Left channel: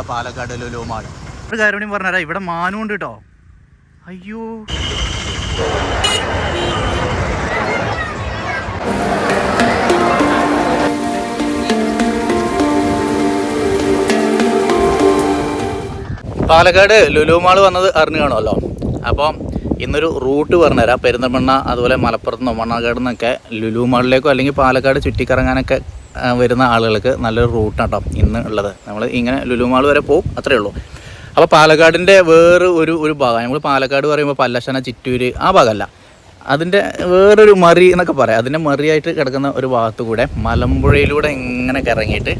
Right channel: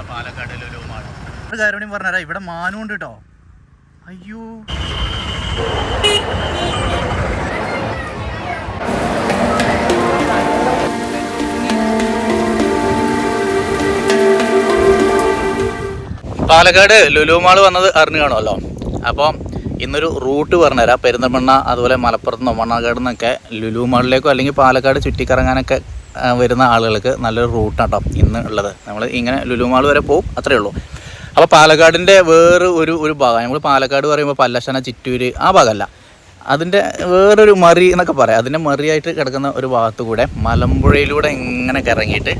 നമ്മുടെ പാലക്കാട് ലുലുമാൾ ഒരു കാര്യം കൂടി ഇവിടെ മാനും ഉണ്ട് കേട്ടോ അയ്യോ. പാലക്കാട് ലുലുമാൾ വന്നത് അറിഞ്ഞു കാണുമല്ലോ. അപ്പം ഇന്നൊരു റൂട്ട് പറഞ്ഞുതരാം പെരിന്തൽമണ്ണ അതുപോലെ മലപ്പുറത്ത് നിന്നോ മണ്ണാകാട് നിന്നൊക്കെ ലുലുമാളിലേക്കോ അല്ലെങ്കിൽ പാലക്കാട് ചുറ്റിക്കറങ്ങാനൊക്കെ വരുന്ന ആളുകൾക്ക് നല്ലൊരു റൂട്ടാണ് കേട്ടോ ഇന്ന് ഉള്ളത്. നമ്മൾ ഇങ്ങനെ ലുലുമാൾ വരെ പോകും അത്രയേ ഉള്ളൂ. അപ്പോൾ പാലക്കാടിന്റെ വേറെ ഒരു ഒരു ഭാഗം നമ്മൾ പാലക്കാട് പറയുമ്പോൾ പല്ലശന ചിറ്റൂര് ആ ഭാഗമല്ല. അതിന്റെ വേറൊരു മറി എന്നൊക്കെ പറയാം. അതിന്റെ മറിയായിട്ട് കിടക്കുന്ന ഒരു ഭാഗത്ത് കൂടെ മലമ്പുഴയിലൂടെ ഇങ്ങനെ കിറങ്ങിയിട്ട്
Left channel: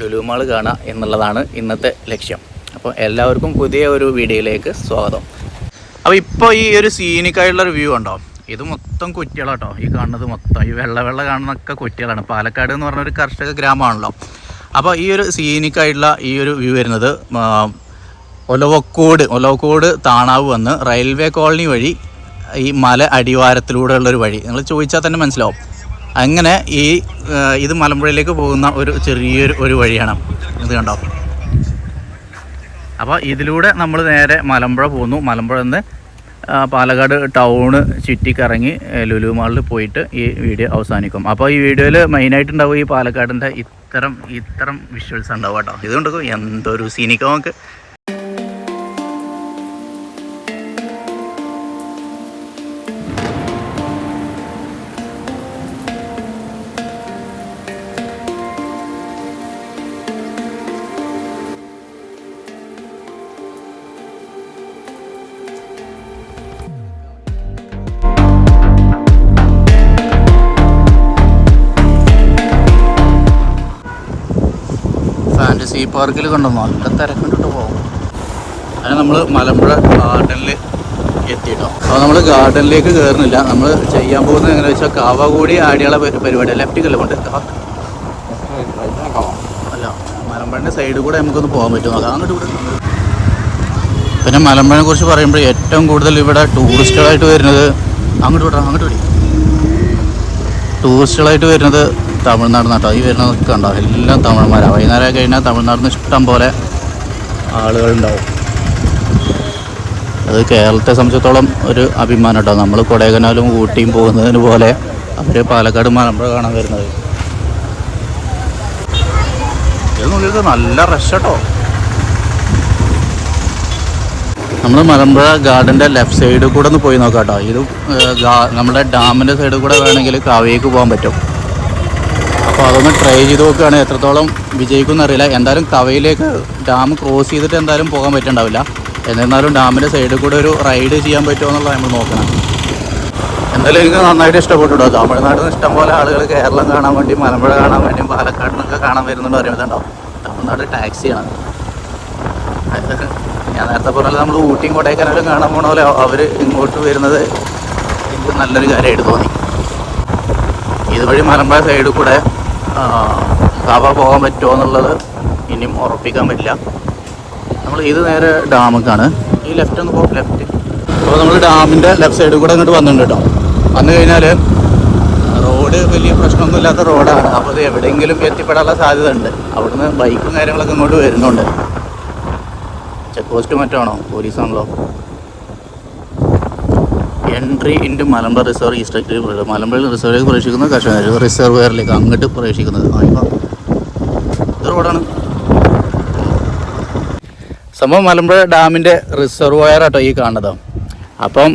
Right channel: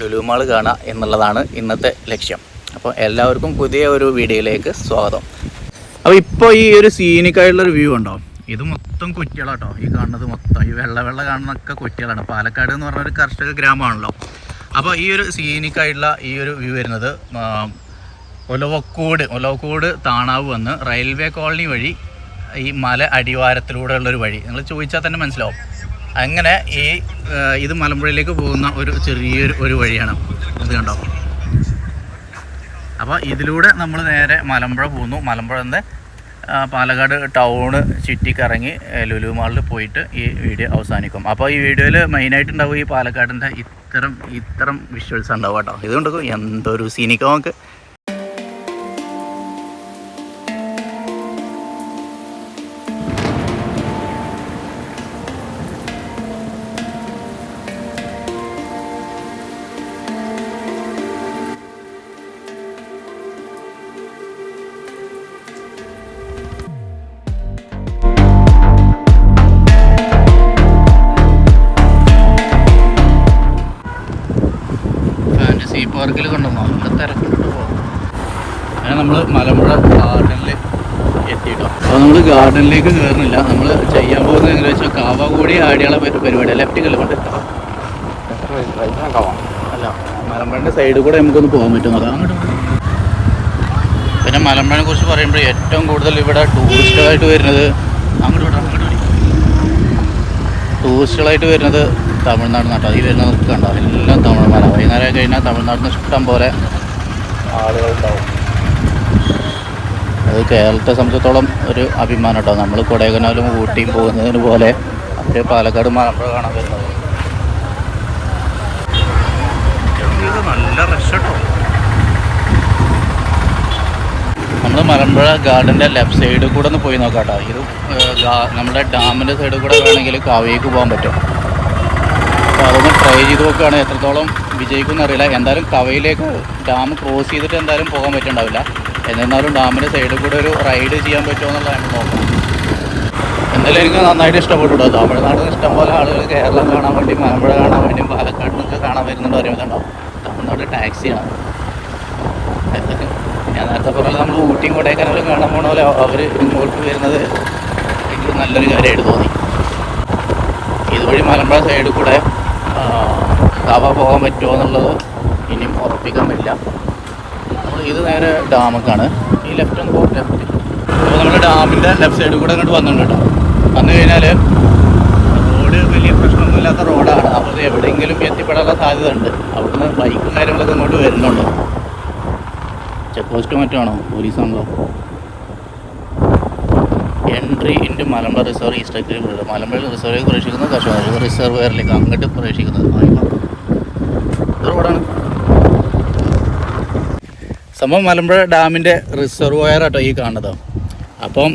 ലുലുമാൾ കാണുക എന്നുള്ളതാണ് ഇന്നത്തെ ലക്ഷ്യം. അപ്പോൾ എല്ലാവർക്കും പുതിയ ഒരു വീഡിയോയിലേക്ക് സ്വാഗതം. അപ്പോൾ ഇപ്പോൾ ഈ ഒരു സീനിക്കായിട്ടുള്ളൊരു വ്യൂ ഉണ്ടോ? ഇത് മൊത്തം കുറ്റികളാട്ടോ. ഈ കാണുന്നത് മൊത്തം. ഈ വെള്ള വെള്ള കാണുന്നൊക്കെ കുറ്റികളാണ്. പാലക്കാട് എന്ന് പറഞ്ഞൊരു കർഷക ഗ്രാമമാണല്ലോ. അപ്പോൾ ഈ ഒരു സീനിക്കായിട്ടുള്ള ഈ ഒരു വ്യൂ വരുന്നത് ഒലവക്കോട് ഒലവക്കോട് താണാവ് വന്ന് റെയിൽവേ കോളനി വഴി ഈ മല അടിവാരത്തിലൂടെയുള്ള ഒരു വഴി. നിങ്ങൾ ചോദിച്ചാൽ തന്നെ മനസ്സിലാവും. അങ്ങനെ ഈ ഇത് മലമ്പുഴയിലേക്ക് പോകുന്ന ഒരു ചെറിയൊരു ഒരു വഴിയാണ്. ഇത് കണ്ടോ? അപ്പോൾ ഇതിലൂടെ നമ്മൾ നേരെ മലമ്പുഴ പോകുന്നു. മലമ്പുഴ നിന്ന് പാലക്കാട് ടൗണ് ചുറ്റിക്കറങ്ങി ലുലു മാളിൽ പോയിട്ട് ഈ വീഡിയോ അവസാനിക്കും. അപ്പോൾ ഈ വീഡിയോയിൽ മെയിനായിട്ട് ഉണ്ടാവും ഈ പാലക്കാടിന്റെ ഇത്തരം ഇത്തരം വിഷ്വൽസ് ഉണ്ടാവും കേട്ടോ. ഇതുകൊണ്ട് എന്തൊരു സീനിക്കാം നമുക്ക് പാർക്കിൽ കണ്ടെന്നോ നല്ല തിരക്കിട്ടിട്ട് പോകും അങ്ങനെ നമ്മൾ മലമ്പുഴ ഗാർഡനിൽ എത്തിയിട്ടോ. അപ്പോൾ നമ്മൾ ഗാർഡനിലേക്ക് കയറുന്നില്ല നമ്മൾ ചെയ്യാൻ പോകുന്നത് എങ്ങനെ വെച്ചാൽ കാവകൂടി ആടിയുള്ള പരിപാടി. ലെഫ്റ്റ് കിലോമീറ്റർ അല്ല മലമ്പുഴന്റെ സൈഡിൽ കൂടെ നമുക്കൊന്ന് പോകാൻ പറ്റും. അങ്ങോട്ട് പിന്നെ മലമ്പുഴനെ കുറിച്ച് പറയുമ്പോൾ ഏറ്റവും കൂടുതൽ ഇവിടെ ടൂറിസ്റ്റുകളായിട്ട് വരുന്നത് അങ്ങോട്ട് വിടാം. അങ്ങോട്ട് വിടാം. ടൂറിസ്റ്റുകളായിട്ട് വരുന്നത് തമിഴ്നാട് നാട്ടോ. ഈ വരുന്ന കണ്ടോ? എല്ലാം തമിഴ്മാരാണ് വൈകുന്നേരം കഴിഞ്ഞാൽ തമിഴ്നാടിന് ഇഷ്ടം പോലെ ആളുകളുണ്ടാവും. അത് കേരളത്തെ സംബന്ധിച്ചിടത്തോളം ഒരു അഭിമാനം കേട്ടോ നമ്മൾ കൊടൈക്കനാലും ഊട്ടിയും പോകുന്നതിന് പോലെ അവർ പാലക്കാട് മലമ്പുഴ കാണാൻ വരുന്നത്. നല്ല റഷ് കേട്ടോ നമ്മൾ മലമ്പുഴ ഗാർഡന്റെ ലെഫ്റ്റ് സൈഡിൽ കൂടെ ഒന്ന് പോയി നോക്കാം കേട്ടോ ഇത് നമ്മുടെ ഡാമിന്റെ സൈഡിൽ കൂടെ വേണമെങ്കിൽ കാവേക്ക് പോകാൻ പറ്റും. ട്രൈ ചെയ്ത് നോക്കുകയാണെങ്കിൽ എത്രത്തോളം വിജയിക്കും അറിയില്ല. എന്തായാലും തവയിലേക്ക് ഡാം ക്രോസ് ചെയ്തിട്ട് എന്തായാലും പോകാൻ പറ്റുന്നുണ്ടാവില്ല എന്നിരുന്നാലും ഡാമിന്റെ സൈഡിൽ കൂടെ ഒരു റൈഡ് ചെയ്യാൻ പറ്റുമോ എന്നുള്ളതാണ് നോക്കുന്നത് എന്തായാലും എനിക്ക് നന്നായിട്ട് ഇഷ്ടപ്പെട്ടു കേട്ടോ തമിഴ്നാട്ടിൽ ഇഷ്ടംപോലെ ആളുകൾ കേരളം കാണാൻ വേണ്ടി മലമ്പുഴ കാണാൻ വേണ്ടി പാലക്കാട് നിന്നൊക്കെ കാണാൻ വരുന്നുണ്ടോ അറിയുന്നുണ്ടോ? തമിഴ്നാട് ടാക്സിയാണ് ഞാൻ നേരത്തെ പറഞ്ഞത് നമ്മൾ ഊട്ടിയും കൊടൈക്കനാലും കാണാൻ പോണ പോലെ അവർ ഇങ്ങോട്ട് വരുന്നത് എനിക്ക് നല്ലൊരു കാര്യമായിട്ട് തോന്നി. ഇതുവഴി മലമ്പുഴ സൈഡിൽ കൂടെ കാവ പോകാൻ പറ്റുമോ എന്നുള്ളത് ഇനിയും ഉറപ്പിക്കാൻ പറ്റില്ല നമ്മൾ ഇത് നേരെ ഡാമക്കാണ് ഈ ലെഫ്റ്റ് ഒന്ന് ലെഫ്റ്റ് അപ്പോൾ നമ്മൾ ഡാമിന്റെ ലെഫ്റ്റ് സൈഡിൽ കൂടെ ഇങ്ങോട്ട് വന്നിട്ടുണ്ട് കേട്ടോ. വന്നു കഴിഞ്ഞാൽ റോഡ് വലിയ പ്രശ്നമൊന്നും ഇല്ലാത്ത റോഡാണ് അപ്പോൾ അത് എവിടെയെങ്കിലും എത്തിപ്പെടാനുള്ള സാധ്യത ഉണ്ട് അവിടുന്ന് ബൈക്കും കാര്യങ്ങളൊക്കെ അങ്ങോട്ട് വരുന്നുണ്ട്. ചെക്ക് പോസ്റ്റ് മറ്റാണോ? പോലീസ് ആണല്ലോ. എൻട്രി ഇന്റു മലമ്പ റിസർവ് ഈസ്റ്റേക്ക് മലമ്പുഴ റിസർവിലേക്ക് പ്രവേശിക്കുന്ന കർഷകർ റിസർവയറിലേക്ക് അങ്ങോട്ട് പ്രവേശിക്കുന്നത് ആയിക്കോ. ഇത് റോഡാണ് സംഭവം മലമ്പുഴ ഡാമിന്റെ റിസർവയർ ആട്ടോ ഈ കാണുന്നത്. അപ്പം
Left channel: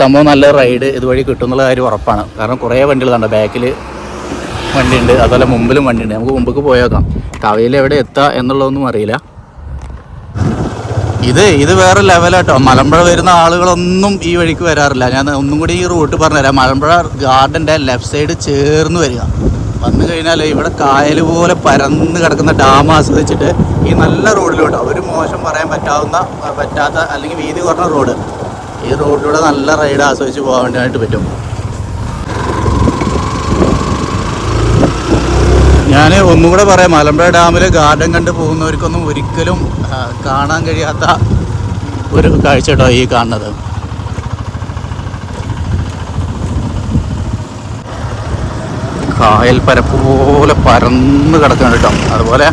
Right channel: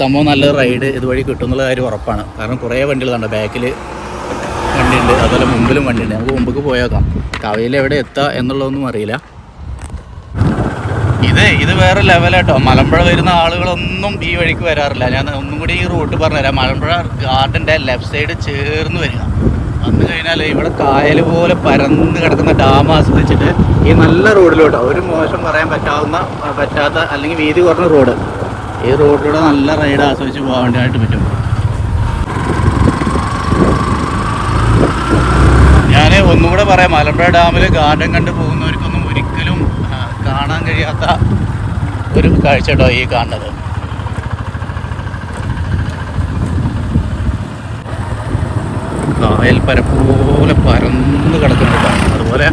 സംഭവം നല്ല റൈഡ് ഇതുവഴി കിട്ടും എന്നുള്ള കാര്യം ഉറപ്പാണ്. കാരണം കുറേ വണ്ടികൾ കണ്ടോ? ബാക്കിൽ വണ്ടിയുണ്ട് അതുപോലെ മുമ്പിലും വണ്ടിയുണ്ട്. നമുക്ക് മുമ്പേക്ക് പോയേക്കാം. കവയിൽ എവിടെ എത്തുക എന്നുള്ളതൊന്നും അറിയില്ല. ഇത് ഇത് വേറെ ലെവലാട്ടോ. മലമ്പുഴ വരുന്ന ആളുകളൊന്നും ഈ വഴിക്ക് വരാറില്ല. ഞാൻ ഒന്നും കൂടി ഈ റൂട്ട് പറഞ്ഞുതരാം. മലമ്പുഴ ഗാർഡന്റെ ലെഫ്റ്റ് സൈഡ് ചേർന്ന് വരിക. വന്നു കഴിഞ്ഞാൽ ഇവിടെ കായൽ പോലെ പരന്ന് കിടക്കുന്ന ഡാം ആസ്വദിച്ചിട്ട് ഈ നല്ല റോഡിലോട്ട് ഒരു മോശം പറയാൻ പറ്റാവുന്ന പറ്റാത്ത അല്ലെങ്കിൽ വീതി കുറഞ്ഞ റോഡ്. ഈ റോഡിലൂടെ നല്ല റൈഡ് ആസ്വദിച്ച് പോകാൻ വേണ്ടിയായിട്ട് പറ്റും. ഞാൻ ഒന്നും കൂടെ പറയാം. മലമ്പുഴ ഡാമിലെ ഗാർഡൻ കണ്ട് പോകുന്നവർക്കൊന്നും ഒരിക്കലും കാണാൻ കഴിയാത്ത ഒരു കാഴ്ച കേട്ടോ ഈ കാണുന്നത്? കായൽ പരപ്പ് പോലെ പരന്ന് കിടക്കുകയാണ് കേട്ടോ. അതുപോലെ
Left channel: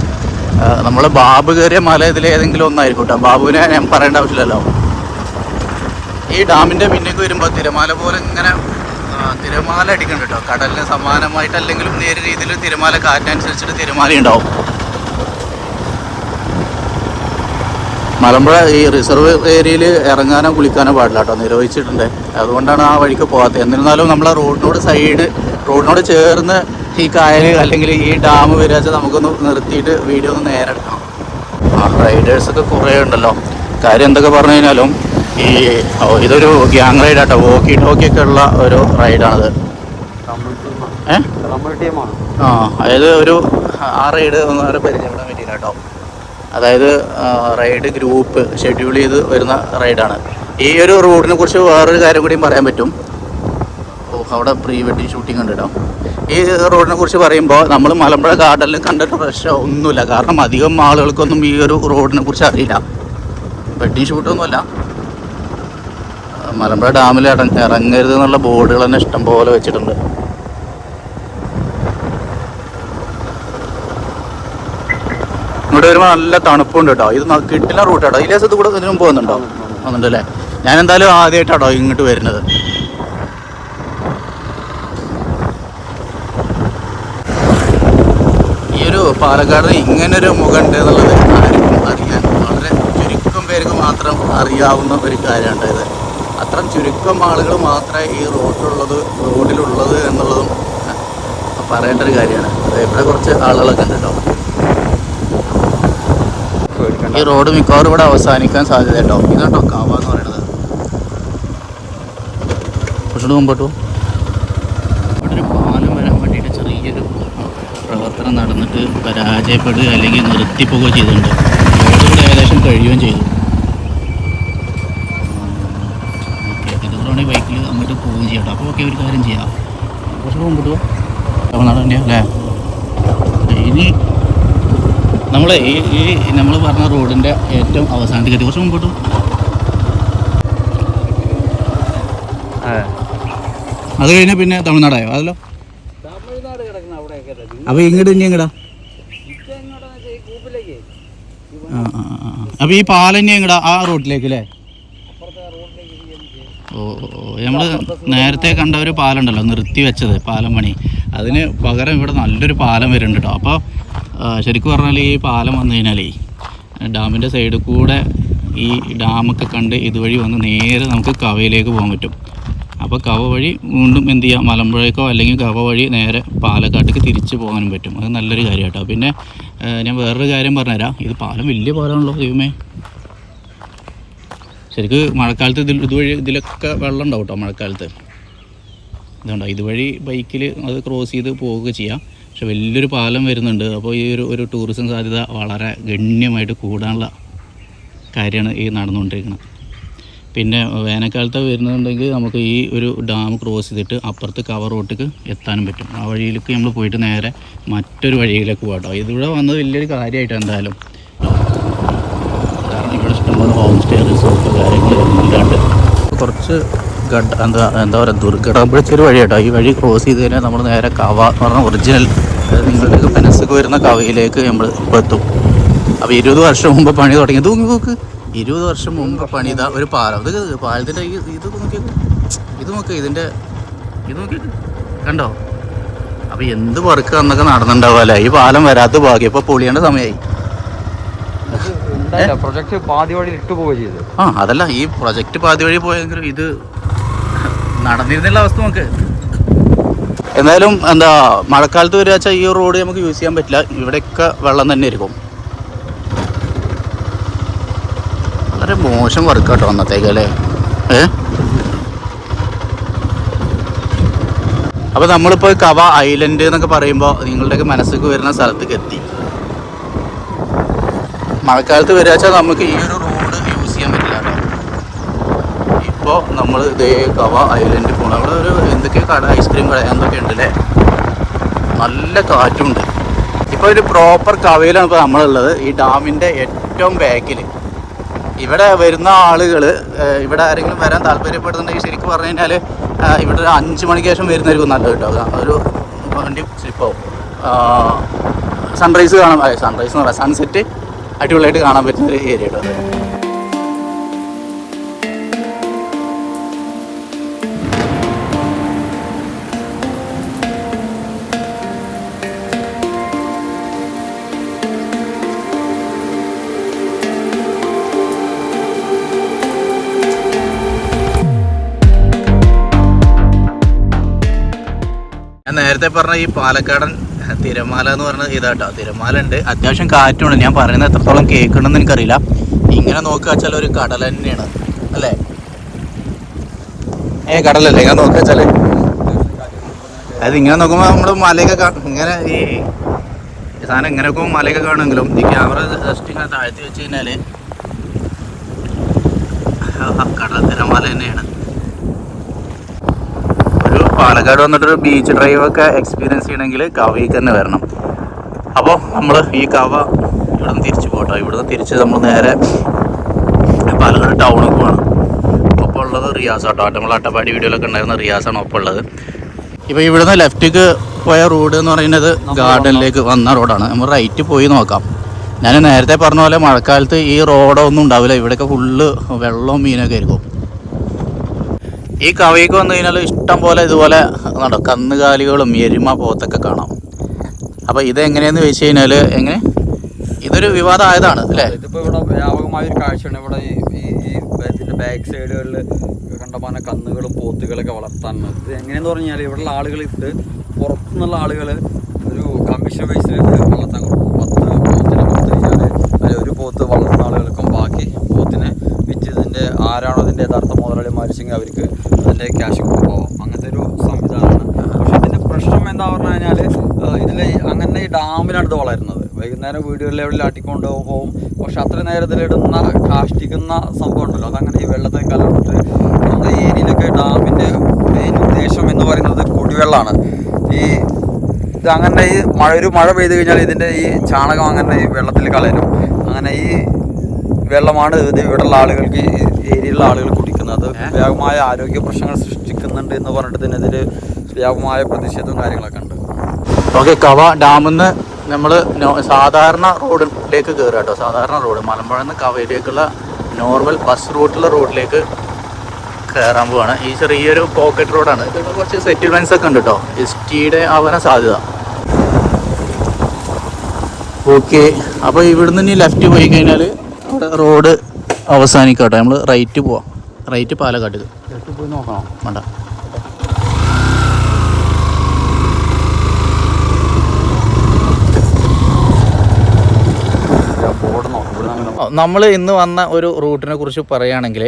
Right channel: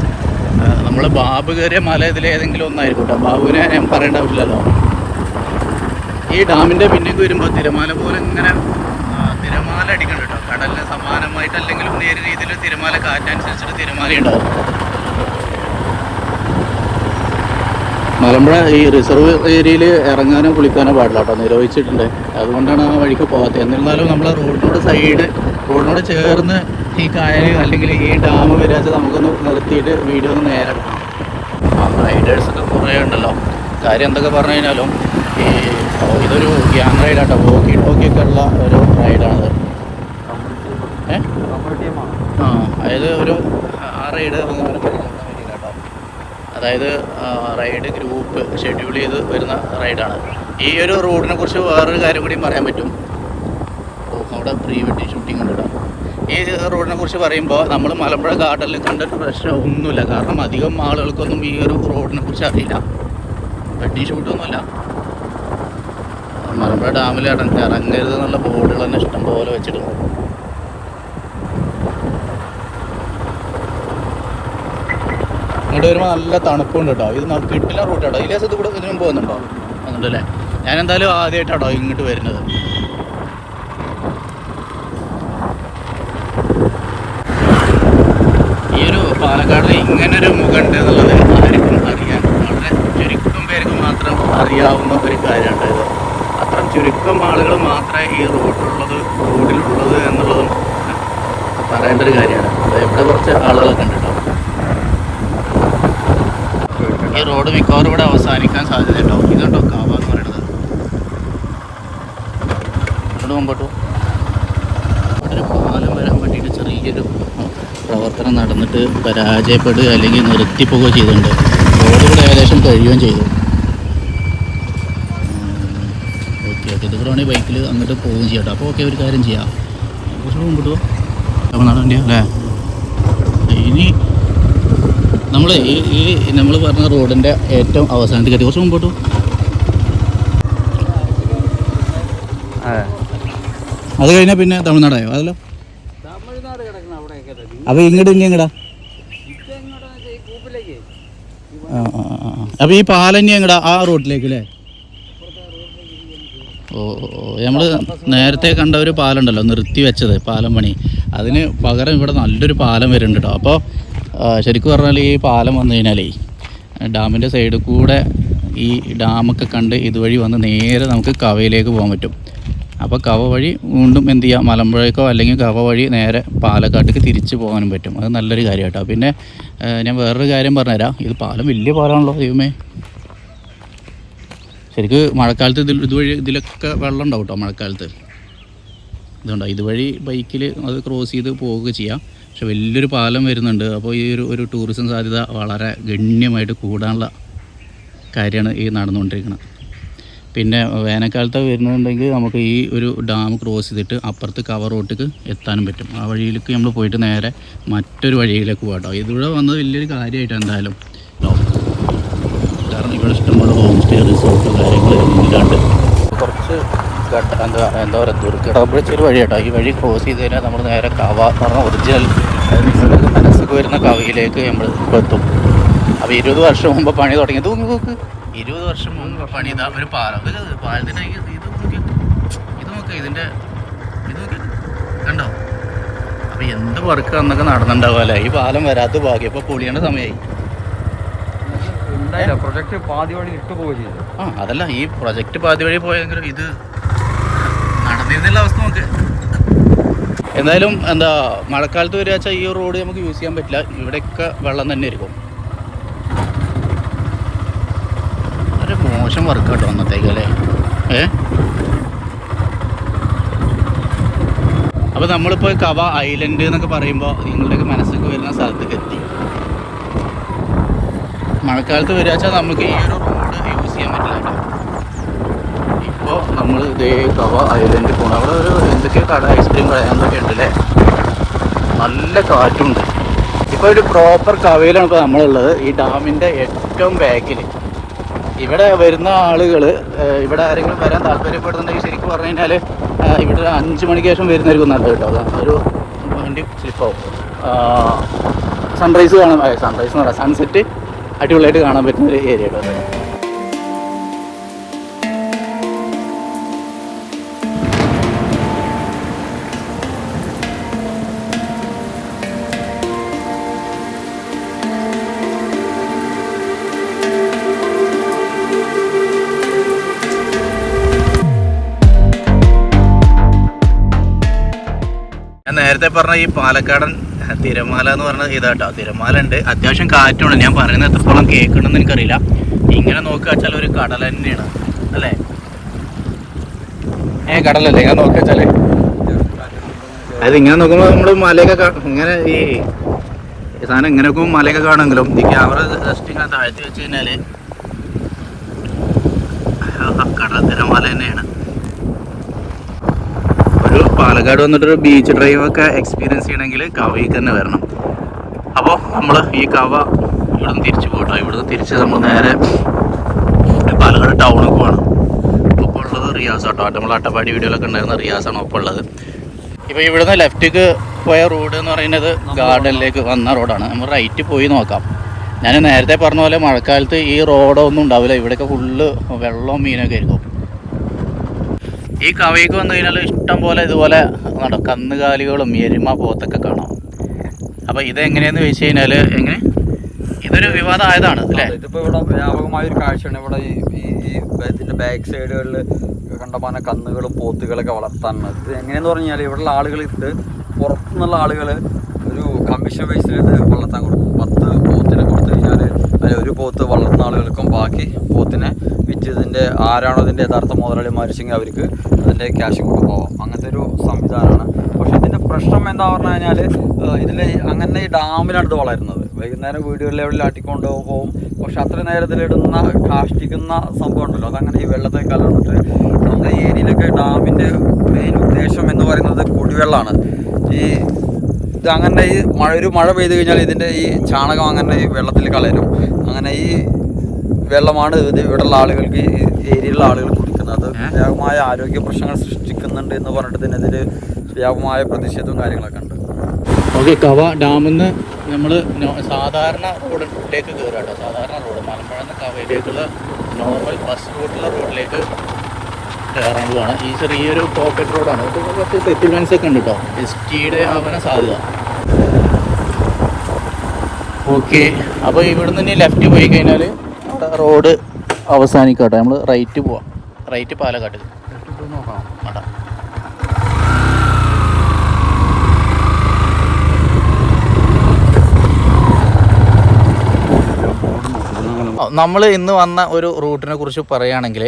നമ്മൾ ബാബു കയറിയ മല ഇതിൽ ഏതെങ്കിലും ഒന്നായിരിക്കും കേട്ടോ. ബാബുവിനെ ഞാൻ പറയേണ്ട ആവശ്യമില്ലല്ലോ. ഈ ഡാമിന്റെ പിന്നേക്ക് വരുമ്പോൾ തിരമാല പോലെ ഇങ്ങനെ തിരമാല അടിക്കുന്നുണ്ട് കേട്ടോ. കടലിന് സമാനമായിട്ട് അല്ലെങ്കിലും നേരെ രീതിയിൽ തിരമാല കാറ്റിനനുസരിച്ചിട്ട് തിരമാല ഉണ്ടാവും. മലമ്പുഴ ഈ റിസർവ് ഏരിയയിൽ ഇറങ്ങാനോ കുളിക്കാനോ പാടില്ല കേട്ടോ. നിരോധിച്ചിട്ടുണ്ട്. അതുകൊണ്ടാണ് ആ വഴിക്ക് പോകാത്തത്. എന്നിരുന്നാലും നമ്മളെ റോഡിനോട് സൈഡ് റോഡിനോട് ചേർന്ന് ഈ കായൽ അല്ലെങ്കിൽ ഈ ഡാം വരാച്ച നമുക്കൊന്ന് നിർത്തിയിട്ട് വീഡിയോ ഒന്ന് നേരെ എടുക്കാം റൈഡേഴ്സൊക്കെ കുറേ ഉണ്ടല്ലോ. കാര്യം എന്തൊക്കെ പറഞ്ഞു കഴിഞ്ഞാലും ഈ ഇതൊരു ഗ്യാങ് റൈഡാട്ടോ വോക്കി ടോക്കിയൊക്കെ ഉള്ള ഒരു റൈഡാണത് ഏ? ആ അതായത് ഒരു ആ റൈഡ് ഒന്ന് വേറെ പരിചയപ്പെടാൻ പറ്റില്ല കേട്ടോ. അതായത് റൈഡ് ഗ്രൂപ്പ് ഷെഡ്യൂൾ ചെയ്ത് വരുന്ന റൈഡാണ് ഈ ഒരു റോഡിനെ കുറിച്ച് വേറൊരു കാര്യം കൂടി പറയാൻ പറ്റും. അവിടെ പ്രീ വെഡിങ് ഷൂട്ടിംഗ് ഉണ്ട് ഈ റോഡിനെ കുറിച്ച് പറയുമ്പോൾ നമ്മൾ മലമ്പുഴ ഗാർഡനിൽ കണ്ടിട്ട് പ്രശ്നം ഒന്നുമില്ല. കാരണം അധികം ആളുകൾക്കൊന്നും ഈ ഒരു റോഡിനെ കുറിച്ച് അറിയില്ല. വെഡിങ് ഷൂട്ടൊന്നുമല്ല. മലമ്പുഴ ഡാമിൽ ഇറങ്ങ ഇറങ്ങരുത് എന്നുള്ള ബോർഡുകൾ തന്നെ ഇഷ്ടംപോലെ വെച്ചിട്ടുണ്ട്. ഇവിടെ വരുമ്പോൾ നല്ല തണുപ്പുണ്ട് കേട്ടോ. ഇത് കിട്ടില്ല റൂട്ട് കേട്ടോ. ഈ ലേസത്ത് കൂടെ ഇതിനു മുമ്പ് വന്നിട്ടുണ്ടോ ഞാൻ എന്തായാലും ആദ്യമായിട്ടാട്ടോ ഇങ്ങോട്ട് വരുന്നത് ഈ ഒരു പാലക്കാടിന് മുഖണ്ട് മുഖമുണ്ട് എന്നുള്ളത് ആർക്കും അറിയാൻ വളരെ ചുരുക്കം പേർക്ക് മാത്രം അറിയാവുന്ന ഒരു കാര്യമാണ് ഇത്. അത്ര ചുരുക്കം ആളുകൾ മാത്രമേ ഈ റോഡിലുള്ളത് റോഡിലുള്ളത് എന്നുള്ളതും പറയേണ്ട ഒരു കാര്യമാണ്. ഇവിടെ കുറച്ച് ആളുകളൊക്കെ ഉണ്ട് ഈ റോഡ് മിക്കവാറും ഇവിടെ അവസാനിക്കാൻ സാധ്യത ഉണ്ടാവും ഇതുണ്ടോ കാവ എന്ന് പറയുന്നത്? മുമ്പോട്ടു ഇവിടെ ഒരു പാലം വരാൻ വേണ്ടിയിട്ട് ചെറിയൊരു പ്രവർത്തനം നടന്നിട്ട് പരാജയപ്പെടുക അല്ലെങ്കിൽ നിർത്തിപ്പോവുകയോ ചെയ്തിട്ടുണ്ട് റോഡ് ഇവിടെ ഏകദേശം കഴിയുകയും ചെയ്തു. ഓക്കെ ഇത് കൂടെ വേണമെങ്കിൽ ബൈക്കിൽ അങ്ങോട്ട് പോവുകയും ചെയ്യാം കേട്ടോ. അപ്പോൾ ഓക്കെ ഒരു കാര്യം ചെയ്യാം. കുറച്ചുകൂടി മുമ്പോട്ട് പോവാം തമിഴ്നാട് തന്നെയാണ് അല്ലേ? ഇനി നമ്മൾ ഈ ഈ നമ്മൾ പറഞ്ഞ റോഡിന്റെ ഏറ്റവും അവസാനത്തിൽ കയറ്റി കുറച്ച് മുമ്പോട്ട് അത്. കഴിഞ്ഞാൽ പിന്നെ തമിഴ്നാടായോ? അതല്ലോ. തമിഴ്നാട് കിടക്കുന്ന അപ്പോൾ ഇങ്ങോട്ട് ഇനി ഇതെങ്ങോട്ടാന്ന് ഈ കൂപ്പിലേക്ക് അപ്പോൾ ഈ പാലം ഇനി എങ്ങടാ? ആ റോഡിലേക്ക് അല്ലേ ഓ നമ്മൾ നേരത്തെ കണ്ട ഒരു പാലം ഉണ്ടല്ലോ നിർത്തി വെച്ചത് പാലം പണി. അതിന് പകരം ഇവിടെ നല്ലൊരു പാലം വരുന്നുണ്ട് കേട്ടോ അപ്പോൾ ശരിക്കും പറഞ്ഞാൽ ഈ പാലം വന്നു കഴിഞ്ഞാലേ ഡാമിന്റെ സൈഡിൽ കൂടെ ഈ ഡാമൊക്കെ കണ്ട് ഇതുവഴി വന്ന് നേരെ നമുക്ക് കവയിലേക്ക് പോകാൻ പറ്റും. അപ്പോൾ കവ വഴി വീണ്ടും എന്ത് ചെയ്യാം? മലമ്പുഴയ്ക്കോ അല്ലെങ്കിൽ കവ വഴി നേരെ പാലക്കാട്ടേക്ക് തിരിച്ചു പോകാനും പറ്റും. അത് നല്ലൊരു കാര്യം കേട്ടോ പിന്നെ ഞാൻ വേറൊരു കാര്യം പറഞ്ഞുതരാം. ഇത് പാലം വലിയ പാലമാണല്ലോ ദൈവമേ. ശരിക്ക് മഴക്കാലത്ത് ഇതിൽ ഇതുവഴി ഇതിലൊക്കെ വെള്ളം ഉണ്ടാവും കേട്ടോ മഴക്കാലത്ത്. ഇതുണ്ടോ? ഇതുവഴി ബൈക്കിൽ അത് ക്രോസ് ചെയ്ത് പോവുക ചെയ്യാം. പക്ഷെ വലിയൊരു പാലം വരുന്നുണ്ട്. അപ്പോൾ ഈ ഒരു ഒരു ടൂറിസം സാധ്യത വളരെ ഗണ്യമായിട്ട് കൂടാനുള്ള കാര്യമാണ് ഈ നടന്നുകൊണ്ടിരിക്കുന്നത്. പിന്നെ വേനൽക്കാലത്ത് വരുന്നുണ്ടെങ്കിൽ നമുക്ക് ഈ ഒരു ഡാം ക്രോസ് ചെയ്തിട്ട് അപ്പുറത്ത് കവർ റോട്ടിക്ക് എത്താനും പറ്റും. ആ വഴിയിലേക്ക് നമ്മൾ പോയിട്ട് നേരെ മറ്റൊരു വഴിയിലേക്ക് പോകട്ടോ കേട്ടോ ഇതിവിടെ വന്നത് വലിയൊരു കാര്യമായിട്ട് എന്തായാലും. കാരണം ഇവിടെ ഇഷ്ടംപോലെ ഹോം സ്റ്റേ റിസോർട്ട് കാര്യങ്ങൾ ഇല്ലാണ്ട്. കുറച്ച് എന്താ എന്താ പറയുക ദുർഘടപ്പെടുത്ത ഒരു വഴി കേട്ടോ ഈ വഴി ക്രോസ് ചെയ്ത് കഴിഞ്ഞാൽ നമ്മൾ നേരെ കവ പറഞ്ഞ ഒറിജിനൽ മനസ്സൊക്കെ വരുന്ന കവയിലേക്ക് നമ്മൾ ഇപ്പോൾ എത്തും. അപ്പോൾ ഇരുപത് വർഷം മുമ്പ് പണി നോക്കി നോക്ക്. ഇരുപത് വർഷം മുമ്പ് പണിത ഒരു പാലം ഇത് പാലത്തിന്റെ ഇത് നോക്കി ഇത് നോക്ക് ഇതിന്റെ ഇത് നോക്കി കണ്ടോ? അപ്പോൾ എന്ത് വർക്ക് അന്നൊക്കെ നടന്നിട്ടുണ്ടാവും ഈ പാലം വരാത്ത ഭാഗ്യം. ഇപ്പോൾ പൊളിയേണ്ട സമയമായി പ്രൊജക്ട് പാതി വഴി ഇട്ടു പോവുക ചെയ്തു. ആ അതല്ല ഈ പ്രൊജക്റ്റ് പാതി വഴി പോയെങ്കിലും ഇത് നടന്നിരുന്നില്ല അവസ്ഥ നമുക്ക് എന്തായാലും എന്താ മഴക്കാലത്ത് വരിക ഈ റോഡ് നമുക്ക് യൂസ് ചെയ്യാൻ പറ്റില്ല. ഇവിടെയൊക്കെ വെള്ളം തന്നെ ആയിരിക്കും വളരെ മോശം വർക്ക് കേട്ടോ അന്നത്തേക്ക് അല്ലേ? ഏ? അപ്പോൾ നമ്മളിപ്പോൾ കവ ഐലൻഡ് എന്നൊക്കെ പറയുമ്പോൾ നിങ്ങളുടെയൊക്കെ മനസ്സിലേക്ക് വരുന്ന സ്ഥലത്തേക്ക് എത്തി. മഴക്കാലത്ത് വരിക വെച്ചാൽ നമുക്ക് ഈ ഒരു റോഡ് യൂസ് ചെയ്യാൻ പറ്റില്ല ഇപ്പോൾ നമ്മൾ ഇതേ കവ ഐലൻഡിൽ പോകണം അവിടെ ഒരു എന്തൊക്കെയോ കട ഐസ്ക്രീം കട ഉണ്ട് അല്ലേ? നല്ല കാറ്റുണ്ട്. ഇപ്പോൾ ഒരു പ്രോപ്പർ കവയിലാണ് ഇപ്പോൾ നമ്മളുള്ളത്. ഈ ഡാമിന്റെ ഏറ്റവും ബാക്കിൽ ഇവിടെ വരുന്ന ആളുകൾ ഇവിടെ ആരെങ്കിലും വരാൻ താല്പര്യപ്പെടുന്നുണ്ടെങ്കിൽ ശരിക്കും പറഞ്ഞു കഴിഞ്ഞാൽ ഇവിടെ ഒരു അഞ്ച് മണിക്ക് ശേഷം വരുന്നതായിരിക്കും നല്ലത് കേട്ടോ. ഒരു വണ്ടി സ്ലിപ്പോ സൺറൈസ് കാണാൻ സൺറൈസ് എന്ന് പറയാം സൺസെറ്റ് അടിപൊളിയായിട്ട് കാണാൻ പറ്റുന്ന ഒരു ഏരിയ കേട്ടോ നേരത്തെ പറഞ്ഞ ഈ പാലക്കാടൻ തിരമാല എന്ന് പറഞ്ഞ ഇതാട്ടോ. തിരമാല ഉണ്ട് അത്യാവശ്യം കാറ്റുണ്ട്. ഞാൻ പറയുന്നത് എത്രത്തോളം കേൾക്കണമെന്ന് എനിക്കറിയില്ല. ഇങ്ങനെ നോക്കുക വെച്ചാൽ ഒരു കടൽ തന്നെയാണ്. അല്ലേ? ഏ കടലല്ലേ? ഇങ്ങനെ നോക്കുക വെച്ചാൽ. അതായത് ഇങ്ങനെ നോക്കുമ്പോൾ നമ്മൾ മലയൊക്കെ ഇങ്ങനെ ഈ സാധനം ഇങ്ങനെ നോക്കുമ്പോൾ മലയൊക്കെ കാണുമെങ്കിലും ഈ ക്യാമറ ജസ്റ്റ് ഇങ്ങനെ താഴ്ത്തി വെച്ച് കഴിഞ്ഞാൽ കടൽ തിരമാല തന്നെയാണ്. പാലക്കാട് വന്നിട്ടൊരു ബീച്ച് ഡ്രൈവ് ഒക്കെ എക്സ്പീരിയൻസ് ചെയ്യണമെങ്കിൽ കവയ്ക്ക് തന്നെ വരണം. അപ്പോൾ നമ്മൾ ഈ കവ ഇവിടെ നിന്ന് തിരിച്ചു പോകട്ടോ ഇവിടെ നിന്ന് തിരിച്ച് നമ്മൾ നേരെ പാലക്കാട് ടൗണിൽ പോകണം ഒപ്പം ഉള്ളത് റിയാസ് ആട്ടോ. നമ്മൾ അട്ടപ്പാടി വീഡിയോയിലൊക്കെ ഉണ്ടായിരുന്ന റിയാസാണ് ഒപ്പം ഉള്ളത്. ഇപ്പോൾ ഇവിടുന്ന് ലെഫ്റ്റിക്ക് പോയ റോഡ് എന്ന് പറയുന്നത് ഗാർഡനിലേക്ക് വന്ന റോഡാണ് നമ്മൾ റൈറ്റ് പോയി നോക്കാം. ഞാൻ നേരത്തെ പറഞ്ഞ പോലെ മഴക്കാലത്ത് ഈ റോഡൊന്നും ഉണ്ടാവില്ല. ഇവിടെയൊക്കെ ഫുള്ള് വെള്ളവും മീനൊക്കെ ആയിരിക്കും. ഈ കവയ്ക്ക് വന്നു കഴിഞ്ഞാൽ ഇഷ്ടം പോലെ ഇതുപോലെ നട കന്നുകാലികളും എരുമ പോത്തൊക്കെ കാണാം. അപ്പോൾ ഇത് എങ്ങനെയാന്ന് കഴിഞ്ഞാൽ എങ്ങനെ? ഇതൊരു വിവാദമായതാണ് അല്ലേ? ഇതിപ്പോ ഇവിടെ വ്യാപകമായ ഒരു കാഴ്ചയാണ്. ഇവിടെ ഈ ഇതിന്റെ ബാക്ക് സൈഡുകളിൽ കണ്ടമാന കന്നുകളും പോത്തുകളൊക്കെ വളർത്താൻ ഇത് എങ്ങനെയെന്ന് പറഞ്ഞാൽ ഇവിടെയുള്ള ആളുകൾ ഇട്ട് പുറത്തുനിന്നുള്ള ആളുകൾ ഒരു കമ്മീഷൻ ബേസിൽ വളർത്താൻ കൊടുക്കും പത്ത് പോത്തിനെ കൊടുത്തു കഴിഞ്ഞാൽ അതിൽ ഒരു പോത്ത് വളർത്തുന്ന ആളുകൾക്കും ബാക്കി പോത്തിനെ വിറ്റ് ഇതിന്റെ ആരാണോ അതിന്റെ യഥാർത്ഥ മുതലാളി മരിച്ചെങ്കിൽ അവർക്ക് അതിന്റെ ക്യാഷ് കൊണ്ട് പോവാം. അങ്ങനത്തെ ഒരു സംവിധാനമാണ്. പക്ഷേ ഇതിന്റെ പ്രശ്നം എന്താ പറഞ്ഞു കഴിഞ്ഞാൽ ഇതിൽ അങ്ങനെ ഈ ഡാമിലാണ് ഇത് വളരുന്നത്. വൈകുന്നേരം വീടുകളിലെ എവിടെ ആട്ടിക്കൊണ്ട് പോകും പക്ഷെ അത്ര നേരത്തിലിടുന്ന കാഷ്ടിക്കുന്ന സംഭവം ഉണ്ടല്ലോ. അതങ്ങനെ ഈ വെള്ളത്തെ കലർന്നിട്ട് നമ്മുടെ ഏരിയയിലൊക്കെ ഡാമിന്റെ മെയിൻ ഉദ്ദേശം എന്ന് പറയുന്നത് കുടിവെള്ളമാണ് ഈ ഇത് അങ്ങനെ ഈ മഴ ഒരു മഴ പെയ്ത് കഴിഞ്ഞാൽ ഇതിന്റെ ഈ ചാണകം അങ്ങനെ ഈ വെള്ളത്തിൽ കളരും അങ്ങനെ ഈ വെള്ളമാണ് ഇത് ഇവിടെയുള്ള ആളുകൾക്ക് ഏരിയയിലുള്ള ആളുകൾ കുടിക്കുന്നത് അത് വ്യാപകമായ ആരോഗ്യ പ്രശ്നങ്ങൾ സൃഷ്ടിക്കുന്നുണ്ട് എന്ന് പറഞ്ഞിട്ട് ഇതിനെതിരെ വ്യാപകമായ പ്രതിഷേധവും കാര്യങ്ങളൊക്കെ ഉണ്ട്. ഓക്കെ കവ ഡാമിൽ നിന്ന് നമ്മൾ സാധാരണ റോഡിലേക്ക് കയറുക കേട്ടോ. സാധാരണ റോഡ്. മലമ്പുഴ നിന്ന് കവയിലേക്കുള്ള നോർമൽ ബസ് റൂട്ടിലെ റോഡിലേക്ക് കയറാൻ പോവാണ്. ഈ ചെറിയൊരു പോക്കറ്റ് റോഡാണ് ഇത് കുറച്ച് സെറ്റിൽമെന്റ്സ് ഒക്കെ ഉണ്ട് കേട്ടോ. എസ് ടിയുടെ ആവാൻ സാധ്യത. ഓക്കെ അപ്പോൾ ഇവിടുന്ന് ഇനി ലെഫ്റ്റ് പോയി കഴിഞ്ഞാൽ റോഡ് അവസാനിക്കട്ടെ. നമ്മൾ റൈറ്റ് പോവാം. റൈറ്റ് പാലക്കാട്ട് ഉണ്ട്. നമ്മൾ ഇന്ന് വന്ന ഒരു റൂട്ടിനെ കുറിച്ച് പറയുകയാണെങ്കിൽ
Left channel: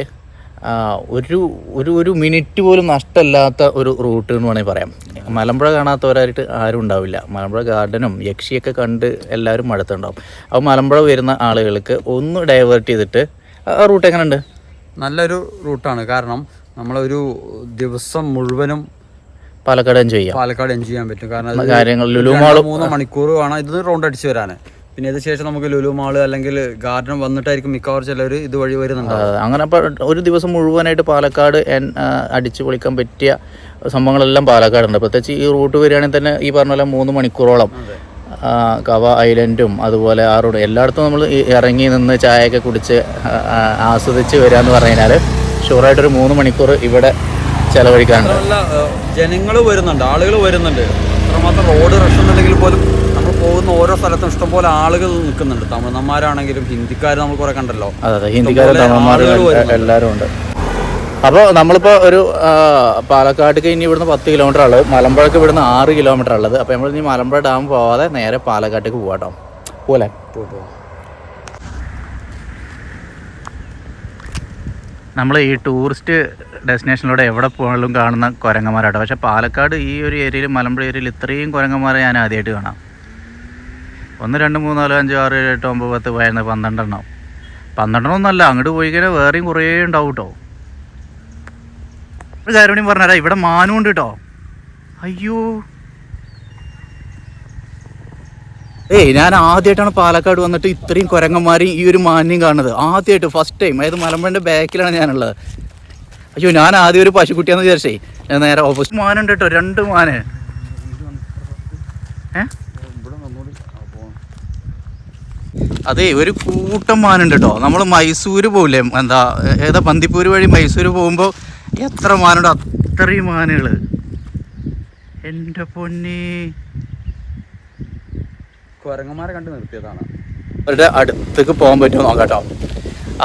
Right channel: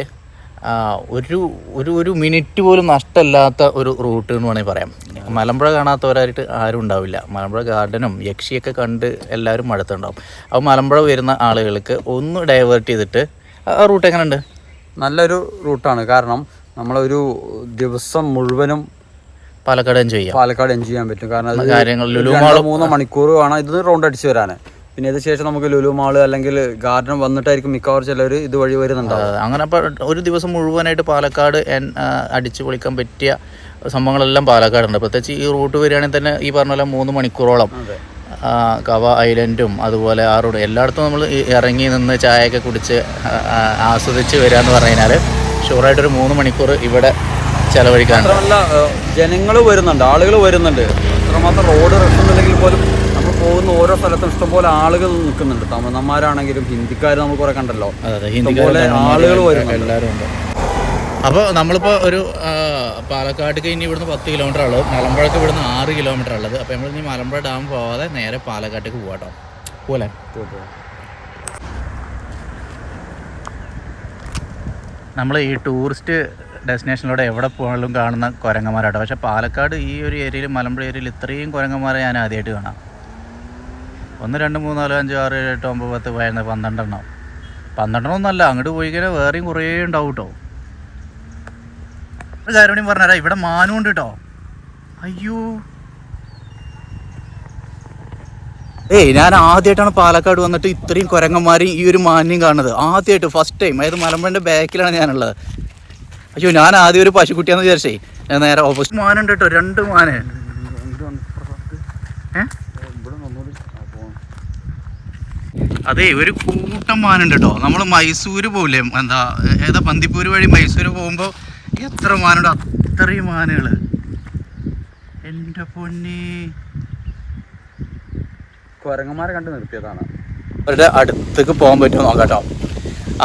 ഒരു ഒരു ഒരു മിനിറ്റ് പോലും നഷ്ടമില്ലാത്ത ഒരു റൂട്ട് എന്ന് വേണമെങ്കിൽ പറയാം. മലമ്പുഴ കാണാത്തവരായിട്ട് ആരും ഉണ്ടാവില്ല. മലമ്പുഴ ഗാർഡനും യക്ഷിയൊക്കെ കണ്ട് എല്ലാവരും മടുത്തുണ്ടാവും. അപ്പോൾ മലമ്പുഴ വരുന്ന ആളുകൾക്ക് ഒന്ന് ഡൈവേർട്ട് ചെയ്തിട്ട് ആ റൂട്ട് എങ്ങനെയുണ്ട്? നല്ലൊരു റൂട്ടാണ്. കാരണം നമ്മളൊരു ദിവസം മുഴുവനും പാലക്കാട് എൻജോയ് ചെയ്യാം. പാലക്കാട് എൻജോയ് ചെയ്യാൻ പറ്റും. കാരണം കാര്യങ്ങൾ ഒരു ലുലു മാൾ മൂന്നോ മണിക്കൂർ വേണം ഇത് റൗണ്ട് അടിച്ച് വരാൻ പിന്നെ ഇത് ശേഷം നമുക്ക് ലുലു മാൾ അല്ലെങ്കിൽ ഗാർഡൻ വന്നിട്ടായിരിക്കും മിക്കവാറും ചിലർ ഇത് വഴി വരുന്നുണ്ടാവും അങ്ങനെ ഒരു ദിവസം മുഴുവനായിട്ട് പാലക്കാട് അടിച്ചു പൊളിക്കാൻ പറ്റിയ സംഭവങ്ങളെല്ലാം പാലക്കാടുണ്ട്. പ്രത്യേകിച്ച് ഈ റൂട്ട് വരികയാണെങ്കിൽ തന്നെ ഈ പറഞ്ഞ പോലെ മൂന്ന് മണിക്കൂറോളം കവ ഐലൻഡും അതുപോലെ ആ റോഡ് എല്ലായിടത്തും നമ്മൾ ഇറങ്ങി നിന്ന് ചായയൊക്കെ കുടിച്ച് ആസ്വദിച്ച് വരിക എന്ന് പറഞ്ഞു കഴിഞ്ഞാൽ ഷുവറായിട്ടൊരു മൂന്ന് മണിക്കൂർ ഇവിടെ ചെലവഴിക്കാറുണ്ട് ജനങ്ങൾ വരുന്നുണ്ട് ആളുകൾ വരുന്നുണ്ട്. അത്രമാത്രം റോഡ് റഷ് ഒന്നുമില്ലെങ്കിൽ പോലും നമ്മൾ പോകുന്ന ഓരോ സ്ഥലത്തും ഇഷ്ടംപോലെ ആളുകൾ നിൽക്കുന്നുണ്ട്. തമിഴ്നന്മാരാണെങ്കിലും ഹിന്ദിക്കാർ നമ്മൾ കുറെ കണ്ടല്ലോ. ഇഷ്ടംപോലെ ആളുകൾ വരുന്നുണ്ട്. എല്ലാവരും ഉണ്ട്. അപ്പോൾ നമ്മളിപ്പോൾ ഒരു പാലക്കാട്ടേക്ക് ഇനി ഇവിടുന്ന് പത്ത് കിലോമീറ്റർ ഉള്ളത്. മലമ്പുഴക്ക് ഇവിടുന്ന് ആറ് കിലോമീറ്റർ ഉള്ളത്. അപ്പോൾ നമ്മൾ ഇനി മലമ്പുഴ ഡാം പോവാതെ നേരെ പാലക്കാട്ടേക്ക് പോകാട്ടോ പോലെ നമ്മൾ ഈ ടൂറിസ്റ്റ് ഡെസ്റ്റിനേഷനിലൂടെ എവിടെ പോകാനും കാണുന്ന കുരങ്ങന്മാരാട്ടോ. പക്ഷേ പാലക്കാട് ഈ ഒരു ഏരിയയിൽ മലമ്പുഴ ഏരിയയിൽ ഇത്രയും കുരങ്ങന്മാരെ ഞാൻ ആദ്യമായിട്ട് കാണാം. ഒന്ന് രണ്ട് മൂന്ന് നാല് അഞ്ച് ആറ് ഏഴ് എട്ട് ഒമ്പത് പത്ത് പതിനൊന്ന് പന്ത്രണ്ടെണ്ണം. പന്ത്രണ്ടെണ്ണം ഒന്നല്ല അങ്ങോട്ട് പോയി കഴിഞ്ഞാൽ വേറെയും കുറേ ഉണ്ടാവും കേട്ടോ ഒരു കാര്യം കൂടി പറഞ്ഞുതരാം ഇവിടെ മാനും ഉണ്ട് കേട്ടോ അയ്യോ. ഏയ് ഞാൻ ആദ്യമായിട്ടാണ് പാലക്കാട് വന്നിട്ട് ഇത്രയും കുരങ്ങന്മാരെയും ഈ ഒരു മാന്യം കാണുന്നത്. ആദ്യമായിട്ട് ഫസ്റ്റ് ടൈം അതായത് മലമ്പുഴന്റെ ബാക്കിലാണ് ഞാനുള്ളത്. അയ്യോ ഞാൻ ആദ്യം ഒരു പശുക്കുട്ടിയാന്ന് വിചാരിച്ചേ. ഞാൻ നേരെ ഓപ്പോസിറ്റ് മാനുണ്ട് കേട്ടോ രണ്ട് മാന്. അതെ ഒരു കൂട്ടം മാനുണ്ട് കേട്ടോ നമ്മൾ മൈസൂര് പോകില്ലേ എന്താ ഏതാ പന്തിപ്പൂര് വഴി മൈസൂര് പോകുമ്പോൾ എത്ര മാനുണ്ട്? അത്രയും മാനുകൾ എന്റെ പൊന്നി. കുരങ്ങന്മാരെ കണ്ട് നിർത്തിയതാണ്. അവരുടെ അടുത്തേക്ക് പോകാൻ പറ്റുമോ നോക്കാട്ടോ.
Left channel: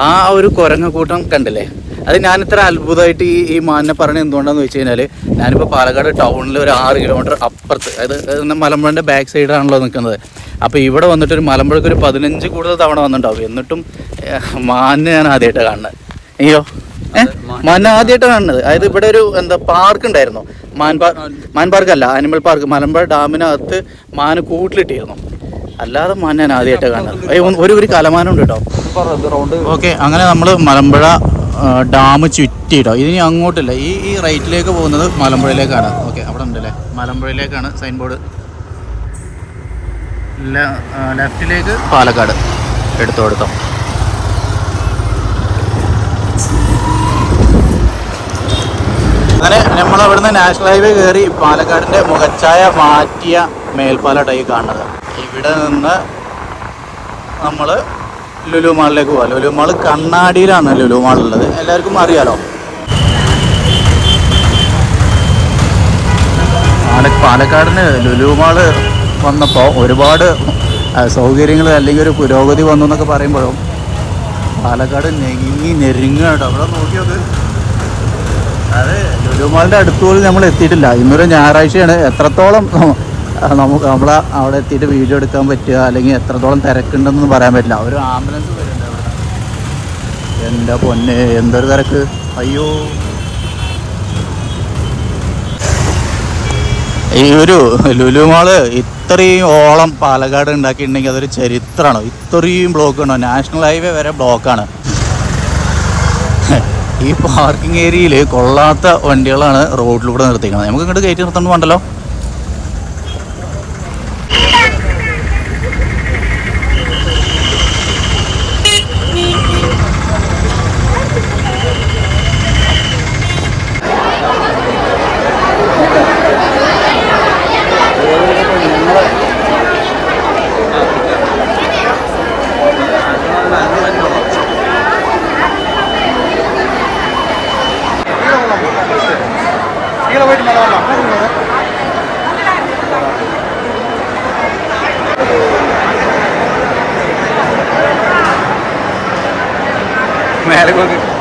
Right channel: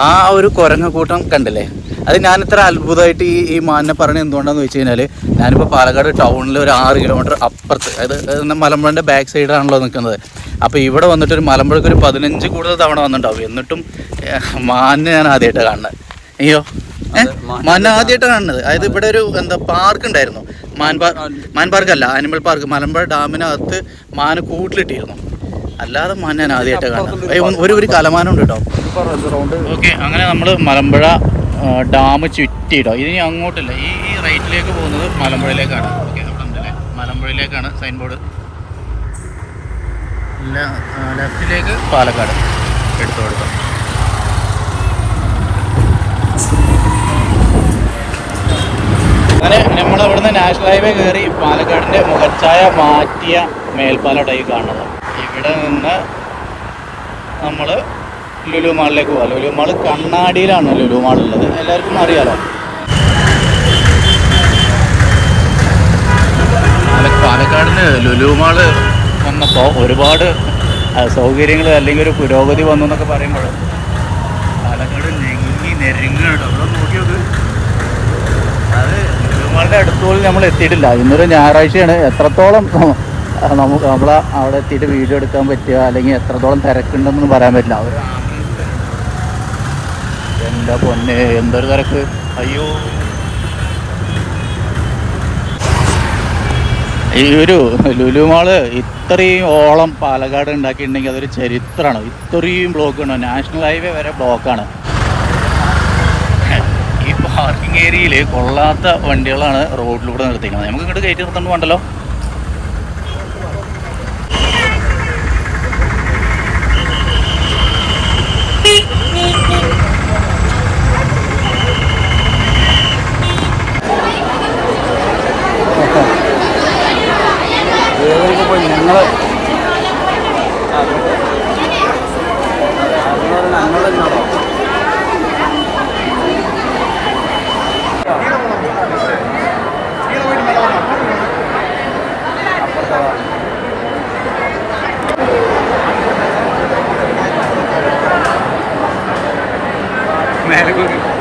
ആ ഒരു കുരങ്ങ കൂട്ടം കണ്ടില്ലേ? അത് ഞാൻ ഇത്ര അത്ഭുതമായിട്ട് ഈ ഈ മാനിനെ പറഞ്ഞ എന്തുകൊണ്ടാന്ന് വെച്ച് കഴിഞ്ഞാൽ ഞാനിപ്പോൾ പാലക്കാട് ടൗണിൽ ഒരു ആറ് കിലോമീറ്റർ അപ്പുറത്ത് അതായത് മലമ്പുഴന്റെ ബാക്ക് സൈഡാണല്ലോ നിൽക്കുന്നത് അപ്പോൾ ഇവിടെ വന്നിട്ട് ഒരു മലമ്പുഴക്ക് ഒരു പതിനഞ്ച് കൂടുതൽ തവണ വന്നിട്ടുണ്ടാവും. എന്നിട്ടും മാനിനെ ഞാൻ ആദ്യമായിട്ടാണ് കാണുന്നത്. അയ്യോ. മാൻ- ആദ്യമായിട്ടാണ് കാണുന്നത്. അതായത് ഇവിടെ ഒരു എന്താ പാർക്ക് ഉണ്ടായിരുന്നു. മാൻ മാൻ പാർക്ക് അല്ല ആനിമൽ പാർക്ക് മലമ്പുഴ ഡാമിനകത്ത് മാന് കൂട്ടിലിട്ടിരുന്നു. അല്ലാതെ മാൻ ഞാൻ ആദ്യമായിട്ടാണ് കാണുന്നത്. ഒരു ഒരു ഒരു കലമാനുണ്ട് കേട്ടോ. ഓക്കെ അങ്ങനെ നമ്മൾ മലമ്പുഴ ഡാം ചുറ്റിയിട്ടോ. ഇനി അങ്ങോട്ടില്ല. ഈ ഈ റൈറ്റിലേക്ക് പോകുന്നത് മലമ്പുഴയിലേക്കാണ്. ഓക്കെ അവിടെ ഉണ്ടല്ലേ? മലമ്പുഴയിലേക്കാണ് സൈൻ ബോർഡ് ലെഫ്റ്റിലേക്ക് പാലക്കാട് എടുത്തോ എടുത്തോ അങ്ങനെ നമ്മൾ അവിടുന്ന് നാഷണൽ ഹൈവേ കയറി പാലക്കാടിന്റെ മുഖച്ചായ മാറ്റിയ മേൽപ്പാലട്ടായി കാണുന്നത്. ഇവിടെ നിന്ന് നമ്മൾ ലുലു മാളിലേക്ക് പോകാം ലുലു മാൾ കണ്ണാടിയിലാണ് ലുലു മാൾ ഉള്ളത് എല്ലാവർക്കും അറിയാലോ? പാല- പാലക്കാടിന് ലുലു മാൾ വന്നപ്പോൾ ഒരുപാട് സൗകര്യങ്ങൾ അല്ലെങ്കിൽ ഒരു പുരോഗതി വന്നു എന്നൊക്കെ പറയുമ്പോഴും പാലക്കാട് നെങ്ങി നെരുങ്ങുക കേട്ടോ അവിടെ നോക്കി നോക്ക് അത് ലുലു മാളിന്റെ അടുത്ത് പോലും നമ്മൾ എത്തിയിട്ടില്ല. ഇന്നൊരു ഞായറാഴ്ചയാണ്. എത്രത്തോളം നമുക്ക് നമ്മൾ അവിടെ എത്തിയിട്ട് വീഡിയോ എടുക്കാൻ പറ്റുക അല്ലെങ്കിൽ എത്രത്തോളം തിരക്കുണ്ടെന്നൊന്നും പറയാൻ പറ്റില്ല. ഒരു ആംബുലൻസ് വരുന്നുണ്ട് എന്റെ പൊന്നെ എന്തൊരു തിരക്ക്? അയ്യോ. ഈ ഒരു ലുലു മാൾ ഇത്രയും ഓളം പാലക്കാട് ഉണ്ടാക്കിയിട്ടുണ്ടെങ്കിൽ അതൊരു ചരിത്രമാണ്. ഇത്രയും ബ്ലോക്ക് ഉണ്ടോ? നാഷണൽ ഹൈവേ വരെ ബ്ലോക്കാണ്. ഈ പാർക്കിംഗ് ഏരിയയിൽ കൊള്ളാത്ത വണ്ടികളാണ് റോഡിലൂടെ നിർത്തിക്കുന്നത് നമുക്ക് ഇങ്ങോട്ട് കയറ്റി നിർത്തണം വേണ്ടല്ലോ อะไรพวกนี้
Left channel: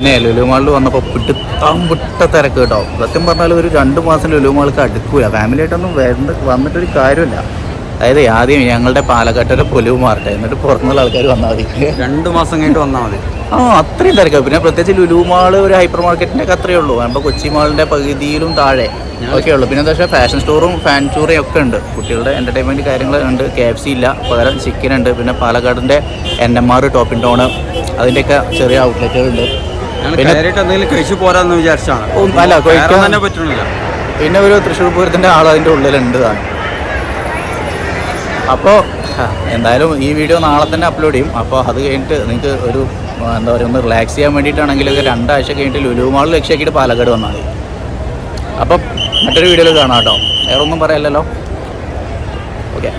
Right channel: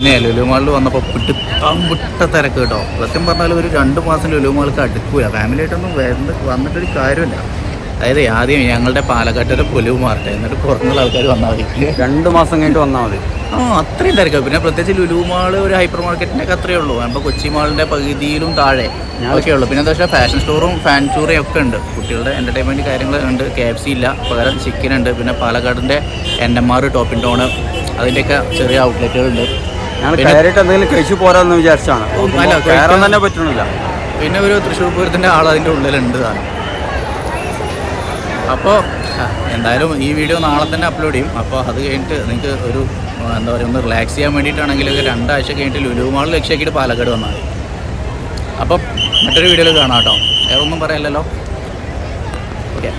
പിന്നെ ലുലു മാളിൽ വന്നപ്പോൾ പിടുത്താൻ വിട്ട തിരക്ക് കേട്ടോ. സത്യം പറഞ്ഞാൽ ഒരു രണ്ട് മാസം ലുലു മാൾക്ക് അടുക്കൂല. ഫാമിലി ആയിട്ടൊന്നും വരണ്ട വന്നിട്ടൊരു കാര്യമില്ല അതായത് ആദ്യം ഞങ്ങളുടെ പാലക്കാട്ടിലെ പൊലിവ് മാറട്ടെ. എന്നിട്ട് പുറത്തുനിന്നുള്ള ആൾക്കാർ വന്നാൽ മതി. രണ്ട് മാസം കഴിഞ്ഞിട്ട് വന്നാൽ മതി. ആ അത്രയും തിരക്കാണ് പിന്നെ പ്രത്യേകിച്ച് ലുലു മാൾ ഒരു ഹൈപ്പർ മാർക്കറ്റിന്റെ ഒക്കെ അത്രയേ ഉള്ളൂ. അപ്പോൾ കൊച്ചി മാളിന്റെ പകുതിയിലും താഴെ ഒക്കെ ഉള്ളൂ. പിന്നെ എന്താ വെച്ചാൽ ഫാഷൻ സ്റ്റോറും ഫാൻ സ്റ്റോറും ഒക്കെ ഉണ്ട്. കുട്ടികളുടെ എന്റർടൈൻമെന്റ് കാര്യങ്ങൾ ഉണ്ട്. കെ എഫ് സി ഇല്ല. പകരം ചിക്കൻ ഉണ്ട്. പിന്നെ പാലക്കാടിന്റെ N M R top in town അതിന്റെയൊക്കെ ചെറിയ ഔട്ട്ലെറ്റുകളുണ്ട് പോരാന്ന് വിചാരിച്ചാണ് തന്നെ പറ്റണില്ല. പിന്നെ ഒരു തൃശ്ശൂർ പൂരത്തിന്റെ ആൾ അതിന്റെ ഉള്ളിലുണ്ട് താനും അപ്പോൾ എന്തായാലും ഈ വീഡിയോ നാളെ തന്നെ അപ്ലോഡ് ചെയ്യും. അപ്പോൾ അത് കഴിഞ്ഞിട്ട് നിങ്ങൾക്ക് ഒരു എന്താ പറയുക ഒന്ന് റിലാക്സ് ചെയ്യാൻ വേണ്ടിയിട്ടാണെങ്കിൽ ഒരു രണ്ടാഴ്ച കഴിഞ്ഞിട്ട് ലുലു മാൾ ലക്ഷ്യമാക്കിയിട്ട് പാലക്കാട് വന്നാൽ മതി. അപ്പം മറ്റൊരു വീഡിയോയിൽ കാണാം കേട്ടോ. വേറെ ഒന്നും പറയാമല്ലോ ഓക്കെ.